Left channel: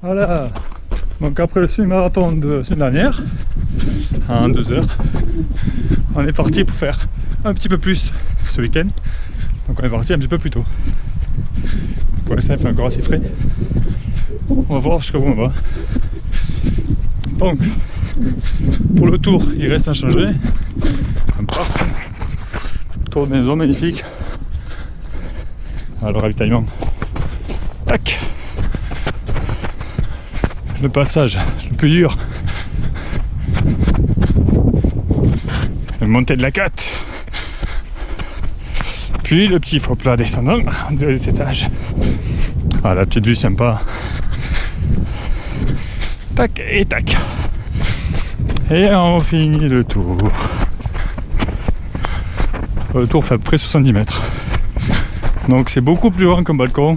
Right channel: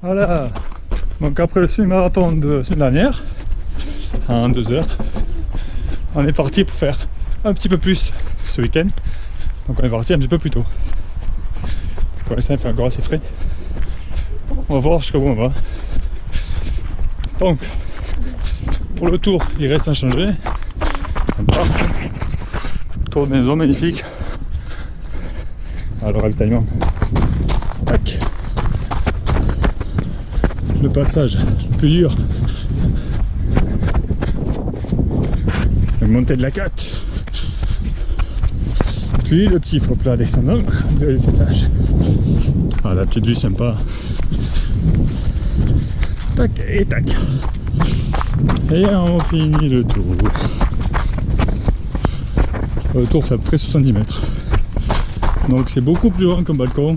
Voilà, donc après le semi-marathon de la semaine dernière, en 2 heures, on est parti pour faire un petit peu plus ce week-end. Donc on est parti un petit peu plus tôt. Pour l'instant il fait encore assez frais. On va voir jusqu'à où on va. Donc, pour le tour, il reste inchangé. Un parc, tour de maison magnifique. Alors, le ravitaillement. Tac. Le passage le plus dur. La montée de la côte. Puis le petit faux plat descendant de 2 étages. Ah, la petite vue sympa. Tac et tac. Et on finit le tour. Le tour fait à peu près 70 mètres. Donc c'est beaucoup plus grand qu'un balcon.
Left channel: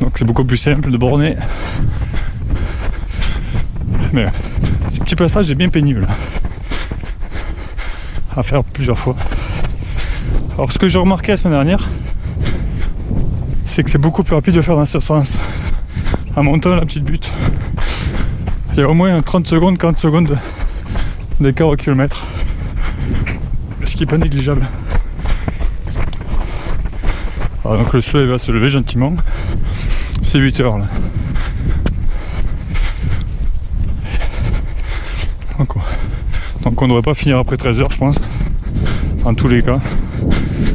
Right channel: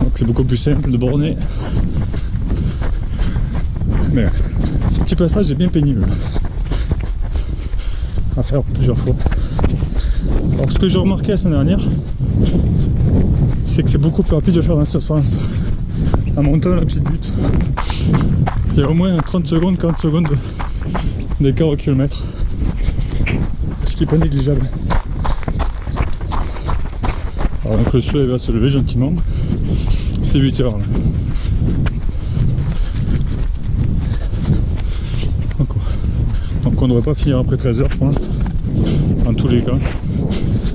Donc c'est beaucoup plus simple de borner. Mais ce petit passage est bien pénible à faire plusieurs fois. Alors ce que j'ai remarqué la semaine dernière, c'est que c'est beaucoup plus rapide de faire dans ce sens. En montant la petite butte. Il y a au moins 30 secondes, 40 secondes d'écart au kilomètre. Ce qui n'est pas négligeable. Alors donc le soleil va se lever gentiment. C'est 8 heures là. Donc on ne devrait pas finir après 13 heures je pense. En tous les cas.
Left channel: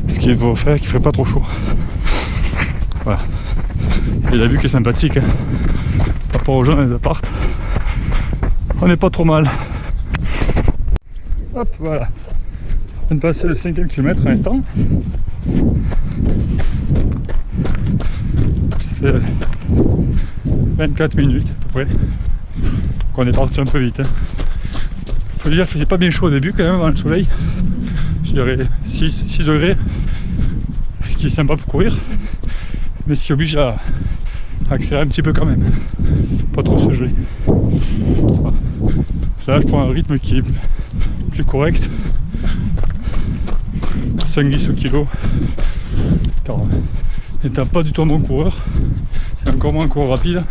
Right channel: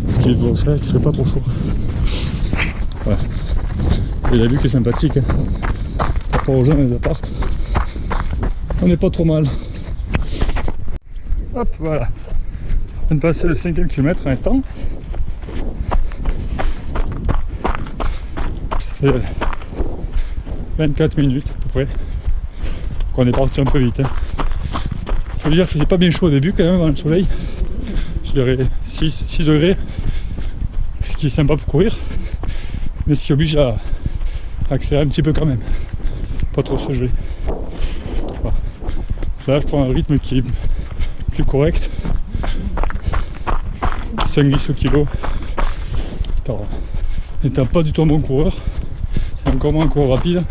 Ce qu'il faut faire, qu'il ne ferait pas trop chaud. Voilà. Et la vue qui est sympathique. Hein. Par rapport aux gens dans les apparts. On n'est pas trop mal. Hop, voilà. On vient de passer le 5e kilomètre à l'instant. Ça fait 24 minutes à peu près. Donc on est parti un peu vite. Hein. Faut dire qu'il faisait pas bien chaud au début quand même dans le soleil. Je dirais 6 degrés. Ce qui est sympa pour courir. Mais ce qui oblige à accélérer un petit peu quand même. Pas trop se geler. Voilà. Là je prends un rythme qui est plus correct. 5-10 au kilo. Car n'étant pas du tout un bon coureur, c'est encore moins un coureur rapide.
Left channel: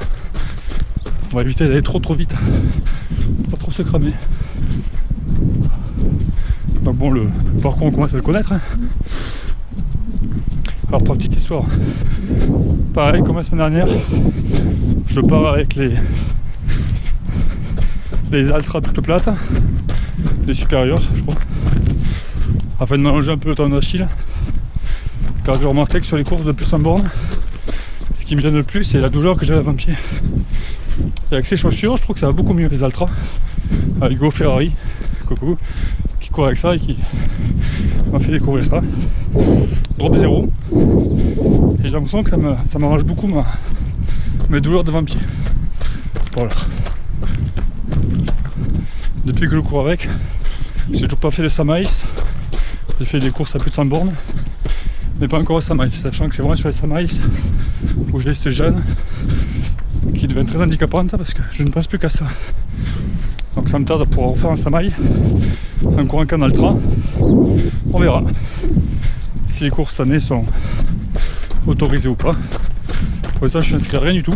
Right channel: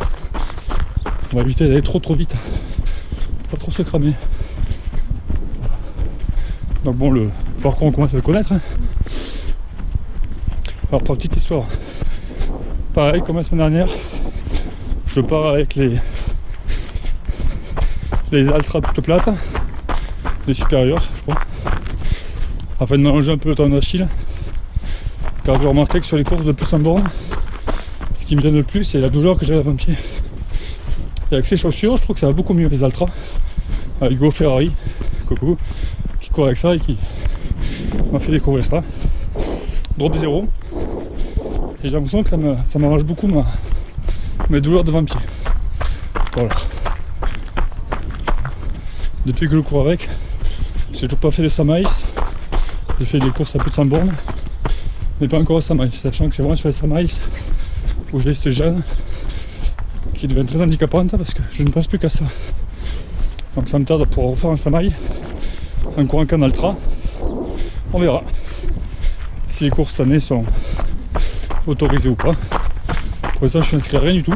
On va éviter d'aller trop vite. Pas trop se cramer. Donc bon, le parcours on commence à le connaître. Hein. Alors pour la petite histoire, pareil comme la semaine dernière, je pars avec les ultras toutes plates, les supérieurs je crois, afin de mélanger un peu le temps d'Achille. Car j'ai remarqué que sur les courses de plus en borne, ce qui me gêne le plus c'est la douleur que j'ai à l'avant-pied. Et avec ces chaussures, je trouve que ça va beaucoup mieux les ultras. Avec Go Ferrari, coucou, qui court avec ça et qui m'a fait découvrir ça. Drop 0. Et j'ai l'impression que ça m'arrange beaucoup mes douleurs d'avant-pied. Voilà. Depuis que je cours avec, j'ai toujours pas fait de 100 miles. J'ai fait des courses à plus de 100 bornes, mais pas encore à 100 miles, sachant que c'est vraiment sur les 100 miles où j'ai cette gêne qui devient très handicapante parce que je ne pense plus qu'à ça. Donc ça me tarde pour refaire un 100 miles en courant qu'en ultra. On verra si les courses cette année sont autorisées ou pas. Pour l'instant je ne m'inscris à rien du tout.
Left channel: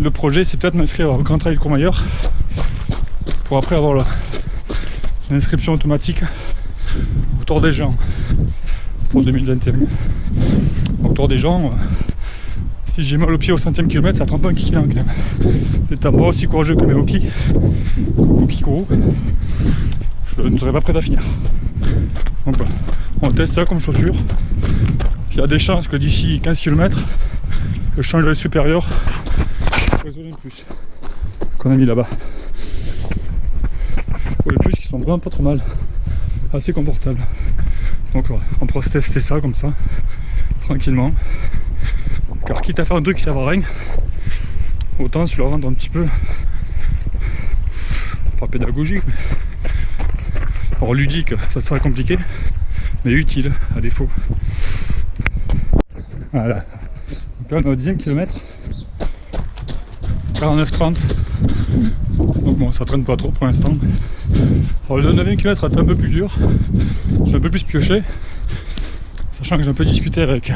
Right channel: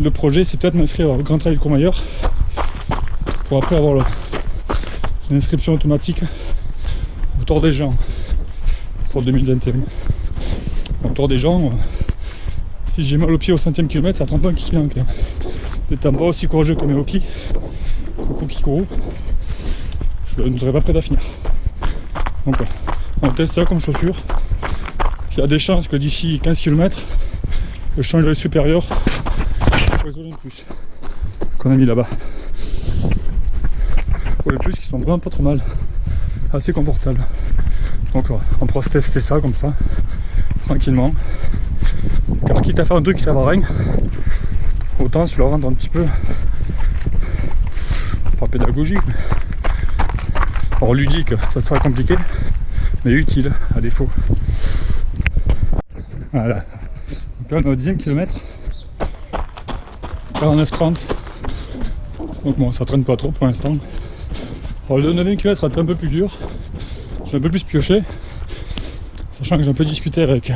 Le projet c'est peut-être m'inscrire au Grand Trail Courmayeur pour après avoir l'inscription automatique au Tour des Gens pour 2021. Donc Tour des Gens, si j'ai mal au pied au 100e kilomètre, ça trempe un kiki quand même. N'étant pas aussi courageux que mes hokis, coucou Kikourou, je ne serais pas prêt à finir. Donc voilà, on teste ça comme chaussure. Il y a des chances que d'ici 15 km, je change le supérieur pour les Olympus qu'on a mis là-bas. Pour les plus qui sont vraiment pas trop mal, assez confortables. Donc voilà, on pourra tester ça comme ça, tranquillement. Car quitte à faire un truc qui sert à rien, autant se le rendre un petit peu, pas pédagogique, mais alors ludique, ça sera compliqué, mais utile à défaut. Voilà. Donc là on est au 10e kilomètre, 49-30. Donc bon, ça traîne pas trop pour l'instant. Alors le 9e kilomètre est un peu plus dur, j'ai un peu plus pioché, sachant que j'ai un peu discuté avec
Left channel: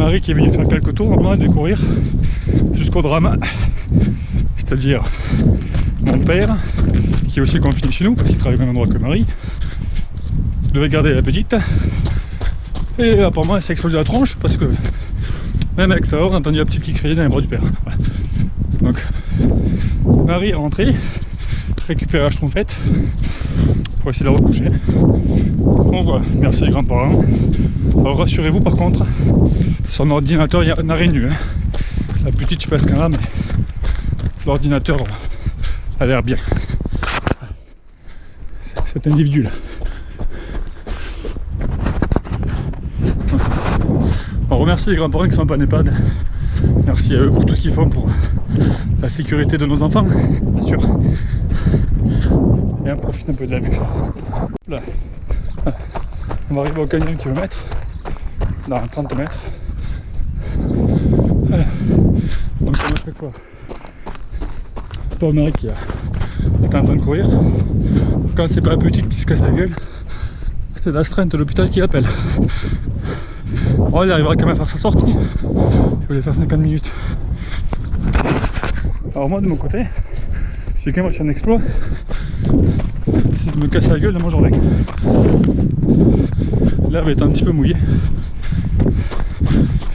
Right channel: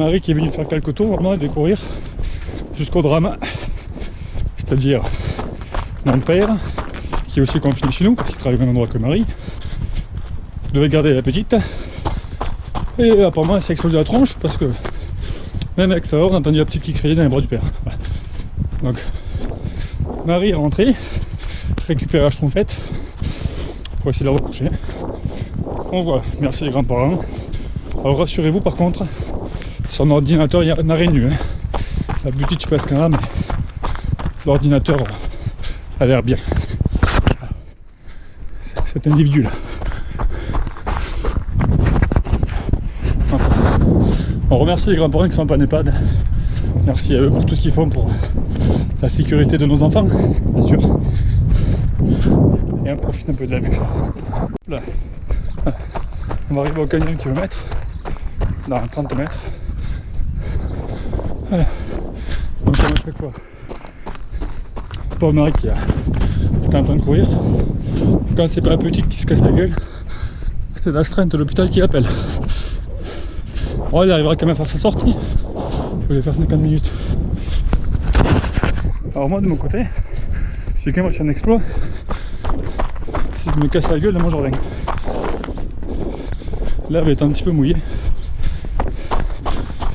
Marie qui est venue faire quelques tours maintenant et découvrir jusqu'au drame. C'est-à-dire mon père, qui est aussi confiné chez nous parce qu'il travaille au même endroit que Marie, devait garder la petite. Et apparemment elle s'est explosé la tronche parce que même à l'extérieur on a entendu la petite qui criait dans les bras du père. Voilà. Donc Marie est rentrée, récupérer la schtroumpfette pour essayer de la recoucher. Donc voilà, merci les grands-parents. Alors rassurez-vous par contre, son ordinateur il n'a rien eu. Hein. La petite je sais pas ce qu'elle a, mais l'ordinateur a l'air bien. Cet individu là. Donc, on remercie les grands-parents qui sont pas en EHPAD. Merci à eux pour tout ce qu'ils font pour la sécurité de nos enfants, bien sûr. Et on profite un peu de la vue. Là. On va arriver au canyon kilomètre, dans 30 mètres. Voilà. Donc on mettrait quoi? Pauvre Marie qui est en train de courir. Quand c'est pas la petite qui se casse la gueule, c'est l'astreinte de l'hôpital qui appelle. Bon, il arrivera quand même à faire sa sortie. Je voulais faire 50 minutes. Alors moi de mon côté, j'ai quand même reçu un exploit. C'est de me casser la gueule dans mon jardin. L'herbe est un petit peu mouillée.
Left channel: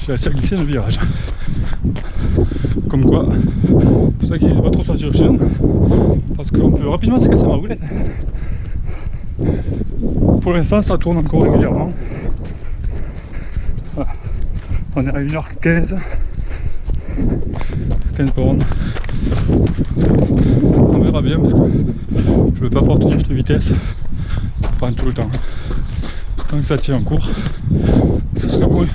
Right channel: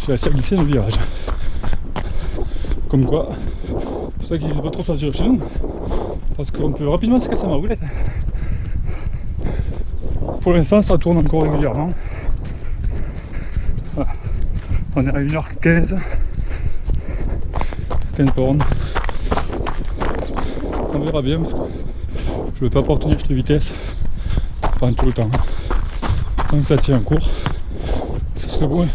J'ai assez glissé dans le virage. Comme quoi, c'est pour ça qu'ils disent pas trop sortir chez nous. Parce qu'on peut rapidement se casser ma roulette. Pour l'instant ça tourne encore régulièrement. Voilà. On est à 1h15. 15 bornes. On verra bien parce que je ne veux pas pouvoir tenir cette vitesse pendant tout le temps. Tant que ça tient en cours, ce serait bon,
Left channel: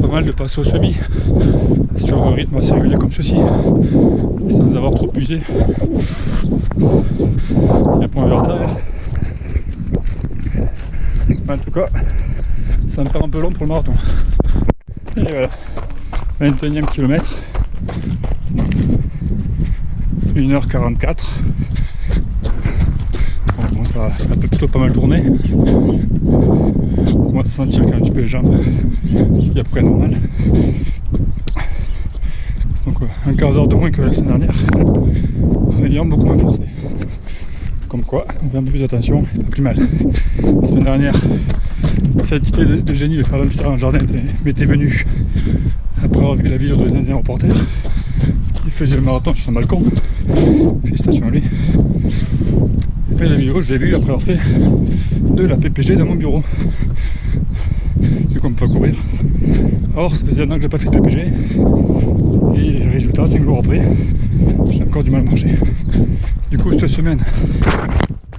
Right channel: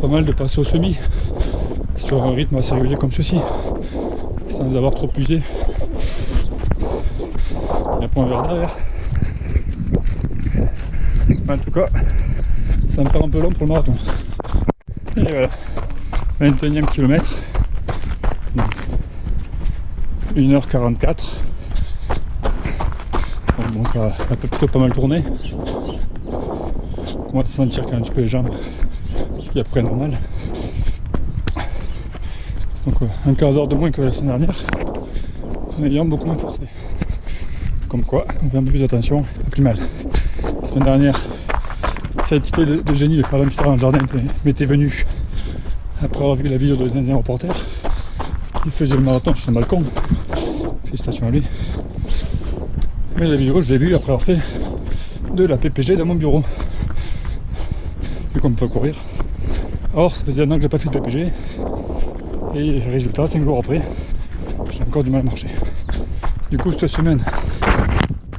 pas mal de passer au semi sur un rythme assez régulier comme ceci, sans avoir trop usé. Il y a un point vert derrière. Mais en tout cas, ça me paraît un peu long pour le marathon. Et voilà, 21e kilomètre. 1h44. Donc bon, ça peut plutôt pas mal tourner. On commence à sentir quand même un petit peu les jambes, ce qui est après normal. Donc un quart d'heure de moins que la semaine dernière, en ayant beaucoup moins forcé. Comme quoi, on fait un peu plus attention, plus mal. La semaine dernière, cette idée de génie de faire l'hamster dans le jardin m'était venue après avoir vu la vidéo de Zinzin reporter. Il faisait le marathon sur son balcon. Félicitations à lui. Et la vidéo, je l'ai vue après avoir fait de la PPG dans mon bureau. Vu qu'on peut courir. Or, ça faisait un an que j'ai pas fait de PPG. Et résultat, 5 jours après, j'ai encore du mal à marcher. Du coup, cette semaine,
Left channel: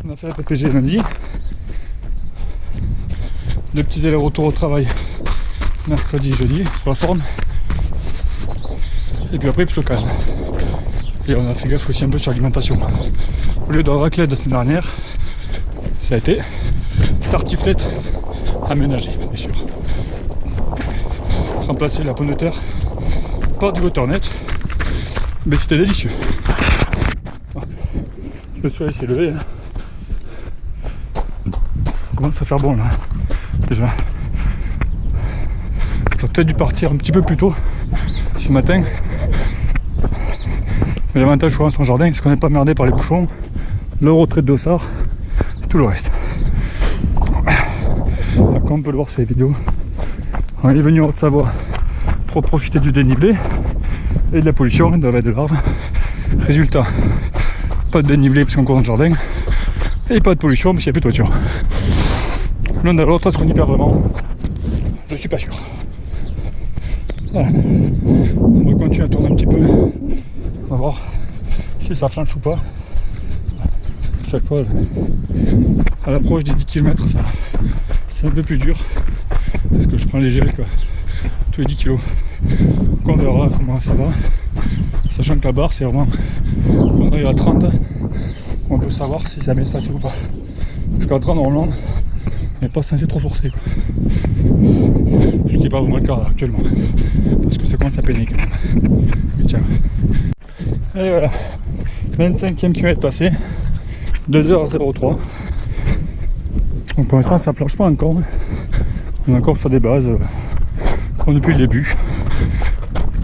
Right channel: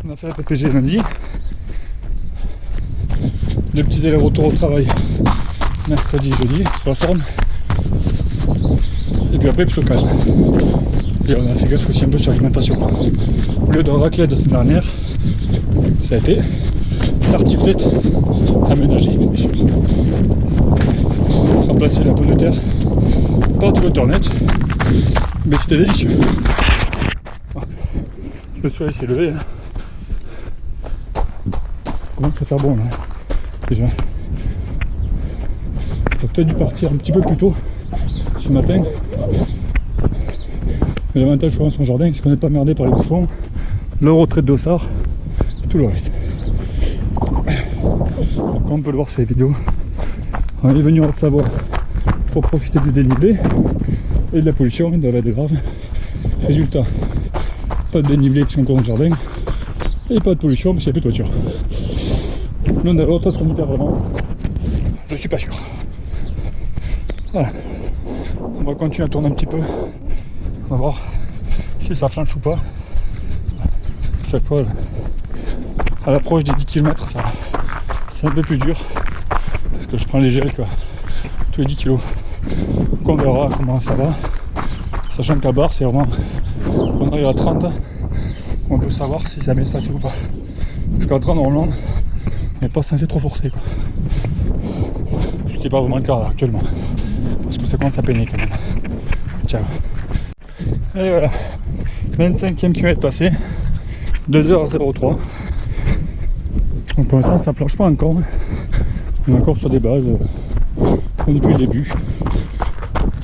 on a fait la PPG lundi. 2 petits allers-retours au travail. Mercredi, jeudi, pour la forme. Et puis après, plutôt calme. Et on a fait gaffe aussi un peu sur l'alimentation. Au lieu de raclette de la semaine dernière, ça a été tartiflette aménagée, bien sûr. Remplacer la pomme de terre par du butternut, mais c'était délicieux. Le soleil s'est levé. Ça commence à faire bon là. Déjà. J'aurais peut-être dû partir un petit peu plus tôt ce matin. Mais l'avantage dans son jardin, c'est qu'on n'est pas merdé par les bouchons, le retrait de dossard, tout le reste. Comme on peut le voir sur les vidéos, on est venu en Haute-Savoie pour profiter du dénivelé et de la pollution et de la veille de l'arbre. Résultat, pas de dénivelé parce qu'on court dans le jardin et pas de pollution parce qu'il n'y a plus de voiture. L'un dans l'autre, est-ce qu'on y perd vraiment? Je suis pas sûr. Voilà. On va continuer à tourner un petit peu. On va voir si ça flanche ou pas. Chaque fois, à l'approche des 10 km, ça, c'est un peu plus dur. Parce que je prends les gels quoi, tous les 10 kg. Donc on verra comment ça va. Sachant que la barre, c'est vraiment quand on arrive à 30, on peut savoir si ça va bien se passer ou pas. Jusqu'à 30, normalement, on n'est pas censé trop forcer quoi. Ce qui n'est pas vraiment le cas là, actuellement. Parce que ça commence à peiner quand même. Ciao. Et voilà, 25e kilomètre passé, 2h03. Donc pour l'instant ça ne flanche pas encore. On est encore sur des bases Bon, depuis le début.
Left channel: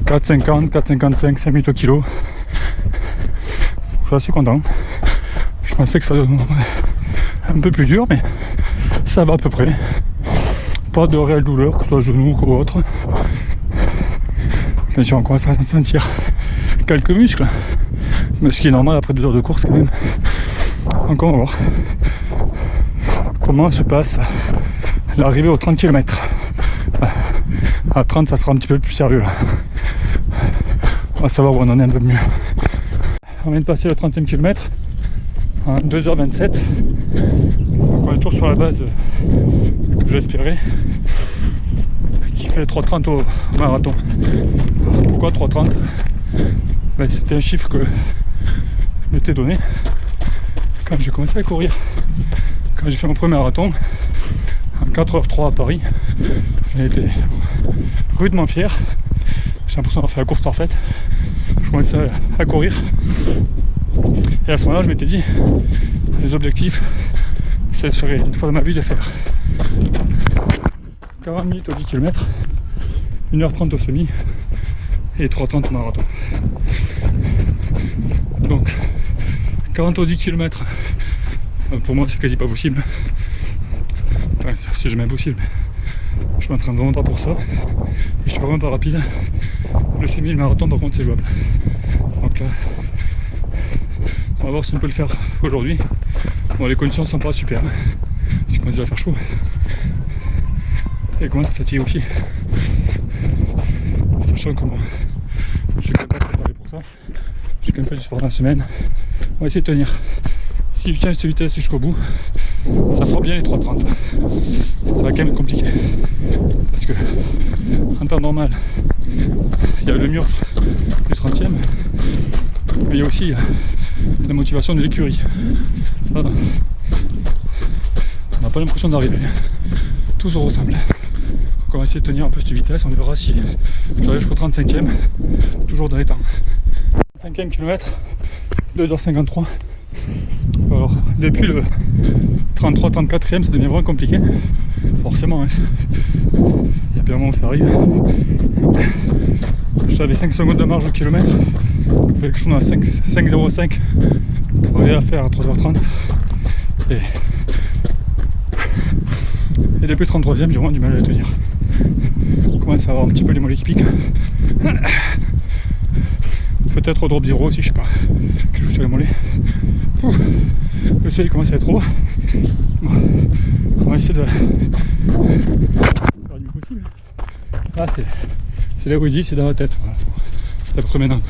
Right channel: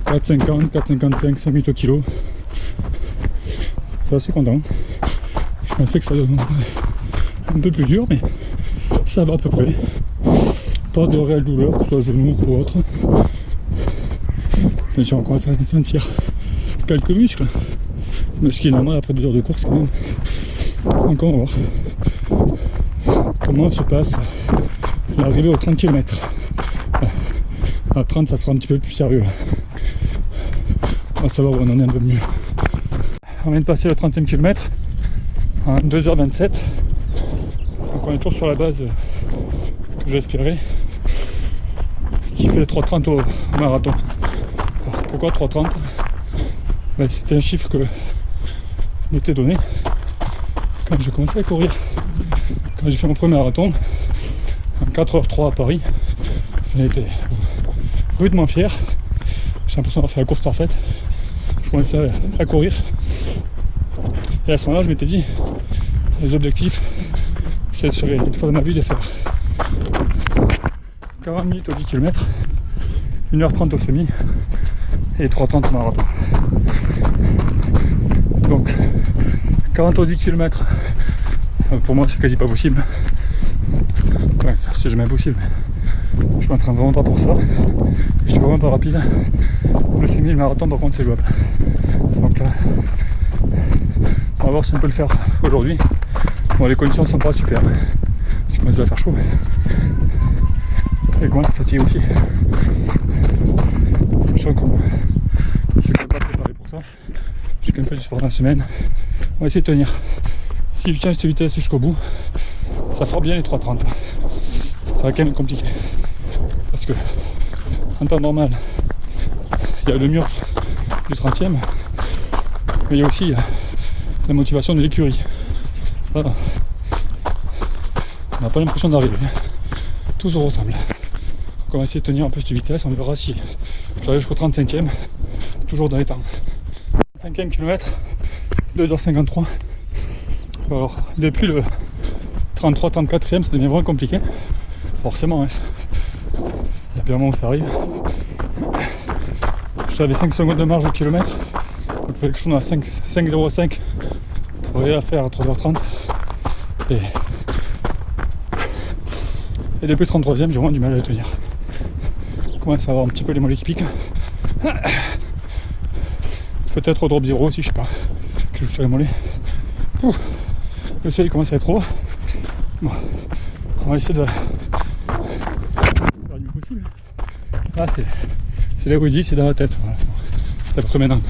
4,50, 4,55, 5 minutes au kilo. Je suis assez content. Je pensais que ça donnerait un peu plus dur, mais ça va à peu près. Pas de réelle douleur, que ce soit genou ou autre. Bien sûr, on commence à sentir quelques muscles, mais ce qui est normal après 2 heures de course quand même. Donc on va voir comment se passe l'arrivée aux 30 km. À 30, ça sera un petit peu plus sérieux. On va savoir où on en est un peu mieux. On vient de passer le 30e kilomètre en 2h27. Donc on est toujours sur la base que j'espérais, qui fait 3,30 au marathon. Pourquoi 3,30? Ben, c'était un chiffre que je m'étais donné quand j'ai commencé à courir. Quand j'ai fait mon premier marathon en 4h03 à Paris, j'ai été rudement fier. J'ai l'impression d'avoir fait la course parfaite. Je commençais à courir. Et à ce moment-là, je m'étais dit, les objectifs, ce serait une fois dans ma vie de faire 40 minutes au 10 km, 1h30 au semi et 3,30 au marathon. Donc 40 au 10 km, pour moi c'est quasi pas possible. Enfin, c'est jamais possible, mais je m'entraîne vraiment pas pour ça. Et je suis vraiment pas rapide. Le semi et le marathon par contre c'est jouable. Donc là, on va voir si on peut le faire aujourd'hui. Bon, les conditions sont pas super. Il commence déjà à faire chaud. Et commence à fatiguer aussi. Sachant que moi, je suis quand même pas préparé pour ça. J'ai quand même fait du sport dans la semaine. On va essayer de tenir. Si je tiens cette vitesse jusqu'au bout, ça fera bien les 3,30. Ça va quand même être compliqué. Parce que en temps normal, il y a le mur du 30e, mais il y a aussi la motivation de l'écurie. Voilà. On n'a pas l'impression d'arriver. Tout se ressemble. Donc on va essayer de tenir un peu cette vitesse, on verra si j'arrive jusqu'au 35e, toujours dans les temps. 5e kilomètre, 2h53. Alors depuis le 33-34e, ça devient vraiment compliqué. Forcément, hein. Il y a bien un moment où ça arrive. J'avais 5 secondes de marge au kilomètre. Il fallait que je tourne à 5,05 pour aller à faire à 3h30. Et depuis le 33e, j'ai vraiment du mal à les tenir. Je commence à avoir un petit peu les mollets qui piquent. Peut-être au drop 0 aussi, je sais pas. Que je joue sur les mollets. Ouh, le soleil commence à être haut. Bon, on va essayer de faire du mieux possible. Là, c'est là où il dit, c'est dans la tête. Voilà. C'est à peu près maintenant.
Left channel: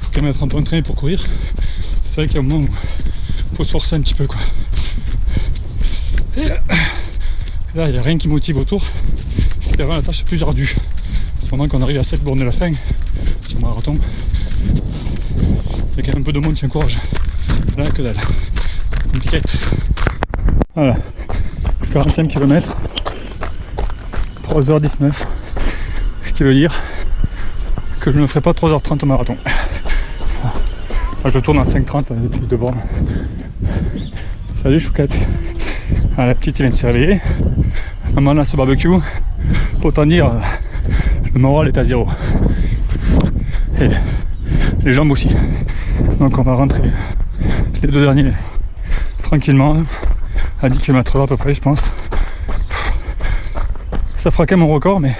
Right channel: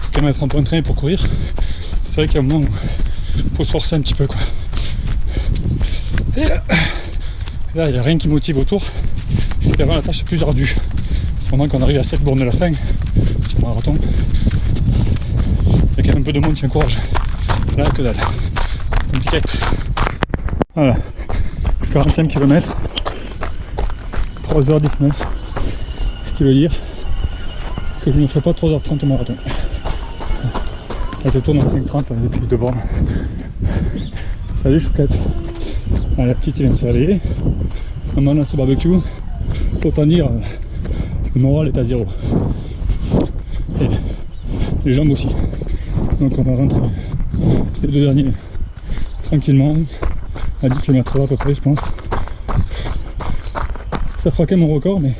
Faut quand même être un peu entraîné pour courir. C'est vrai qu'il y a un moment où il faut se forcer un petit peu, quoi. Et là, il n'y a rien qui motive autour. C'est vraiment la tâche la plus ardue. Pendant qu'on arrive à 7 bornes de la fin, sur le marathon, il y a quand même un peu de monde qui encourage. Là, que dalle. Compliqué. Voilà. 40e kilomètre. 3h19. Ce qui veut dire que je ne ferai pas 3h30 au marathon. Là, je tourne en 5h30 depuis 2 bornes. Salut Chouquette. Ah, la petite vient de se réveiller. Maman a ce barbecue. Pour t'en dire, le moral est à 0. Et les jambes aussi. Donc on va rentrer les 2 derniers tranquillement à 10 km/h à peu près, je pense. Ça fera quand même mon record, mais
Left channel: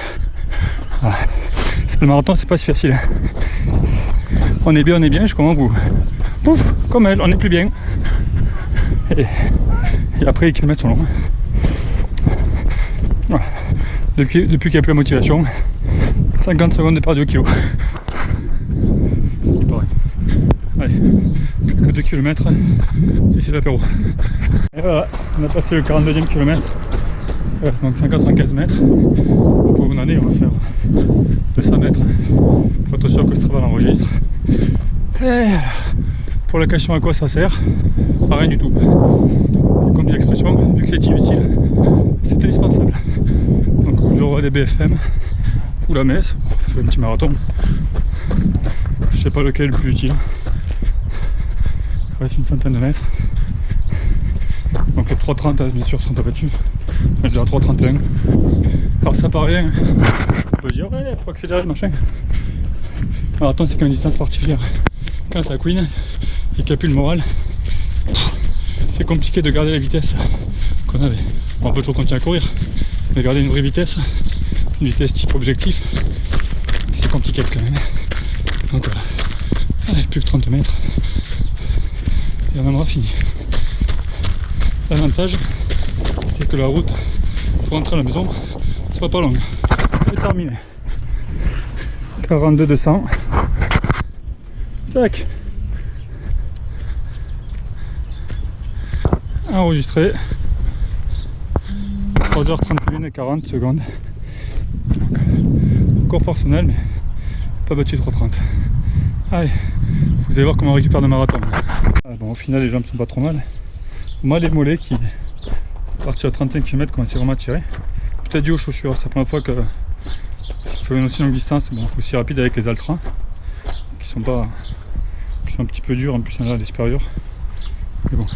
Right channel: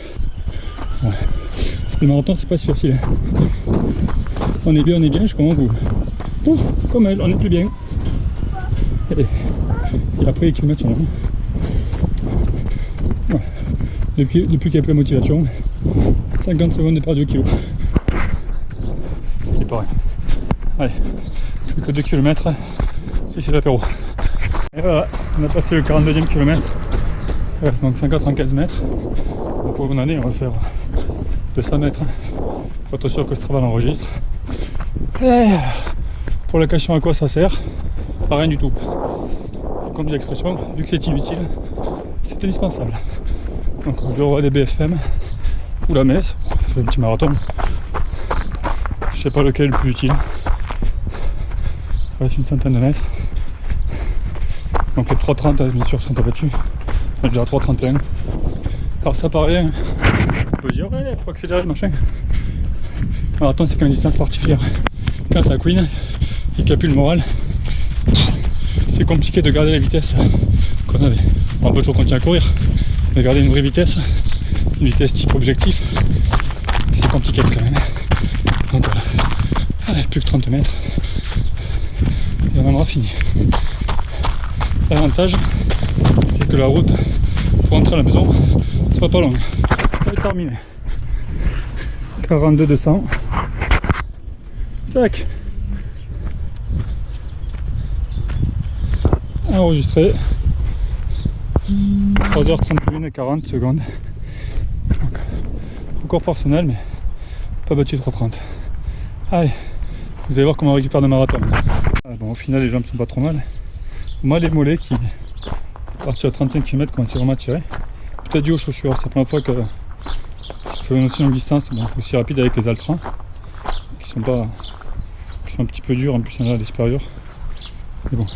voilà. Le marathon c'est pas si facile. On est bien, je commence vous. Pouf, comme elle, on est plus bien. Et après les kilomètres sont longs. Voilà. Depuis qu'il n'y a plus la motivation, 50 secondes de perdu au kilo. C'est pareil. Allez, plus que 2 km et c'est l'apéro. Et voilà, on a passé le 42e kilomètre. Donc 195 mètres. Pour une année, on va faire 200 mètres. Pour être sûr que ce travail enregistre. Et pour la question à quoi ça sert, à rien du tout. Et comme dit l'expression, vu que c'est inutile, c'est indispensable. Donc le roi des BFM ou la messe, bon, ça fait un petit marathon. Je sais pas lequel est le plus utile. Il reste une centaine de mètres. Donc les 3,30 bien sûr sont pas battus. On est déjà à 3,31. Alors ça paraît, on peut dire ouais, faut accélérer machin. Marathon c'est quand même une distance particulière. Quand ça couine et qu'il n'y a plus le moral, c'est compliqué de garder la vitesse qu'on avait. On peut toujours continuer à courir, mais garder une vraie vitesse, une vitesse type objectif, c'est compliqué quand même. Donc voilà, allez, plus que 30 mètres et on en aura fini. L'avantage, c'est que la route pour rentrer à la maison soit pas longue. C'est terminé. 42 200. Tac. Enregistré. 3h31 et 40 secondes. Donc, record personnel, mais pas battu 3h30. Allez, vous allez voir comment on récupère le marathon. Ah bon, au final, les jambes sont pas trop mal. Moi, les mollets qui, à partir de 35 km, commençaient vraiment à tirer. Peut-être dû aux chaussures. C'est la première fois que je fais une aussi longue distance, bon, aussi rapide avec les Altra, qui sont un petit peu durs, en plus il y en a des supérieurs. Mais bon,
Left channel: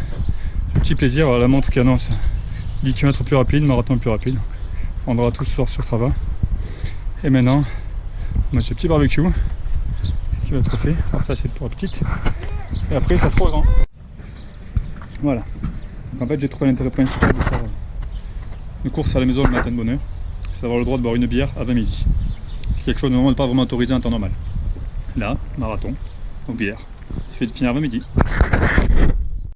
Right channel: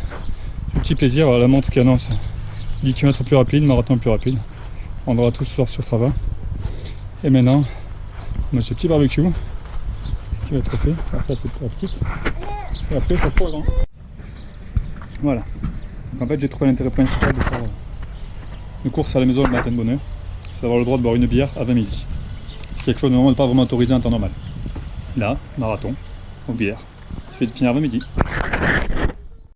le petit plaisir, la montre qui annonce 10 km plus rapide, marathon plus rapide. On aura tout ce soir sur Strava. Et maintenant, on a ce petit barbecue qui va être fait. Alors ça c'est pour la petite. Et après ça sera au grand. Voilà. Donc, en fait j'ai trouvé l'intérêt principal de faire une course à la maison le matin de bonne heure. C'est d'avoir le droit de boire une bière à 20 midi. C'est quelque chose de normalement pas vraiment autorisé en temps normal. Là, marathon, aux bières. Il suffit de finir à 20 midi.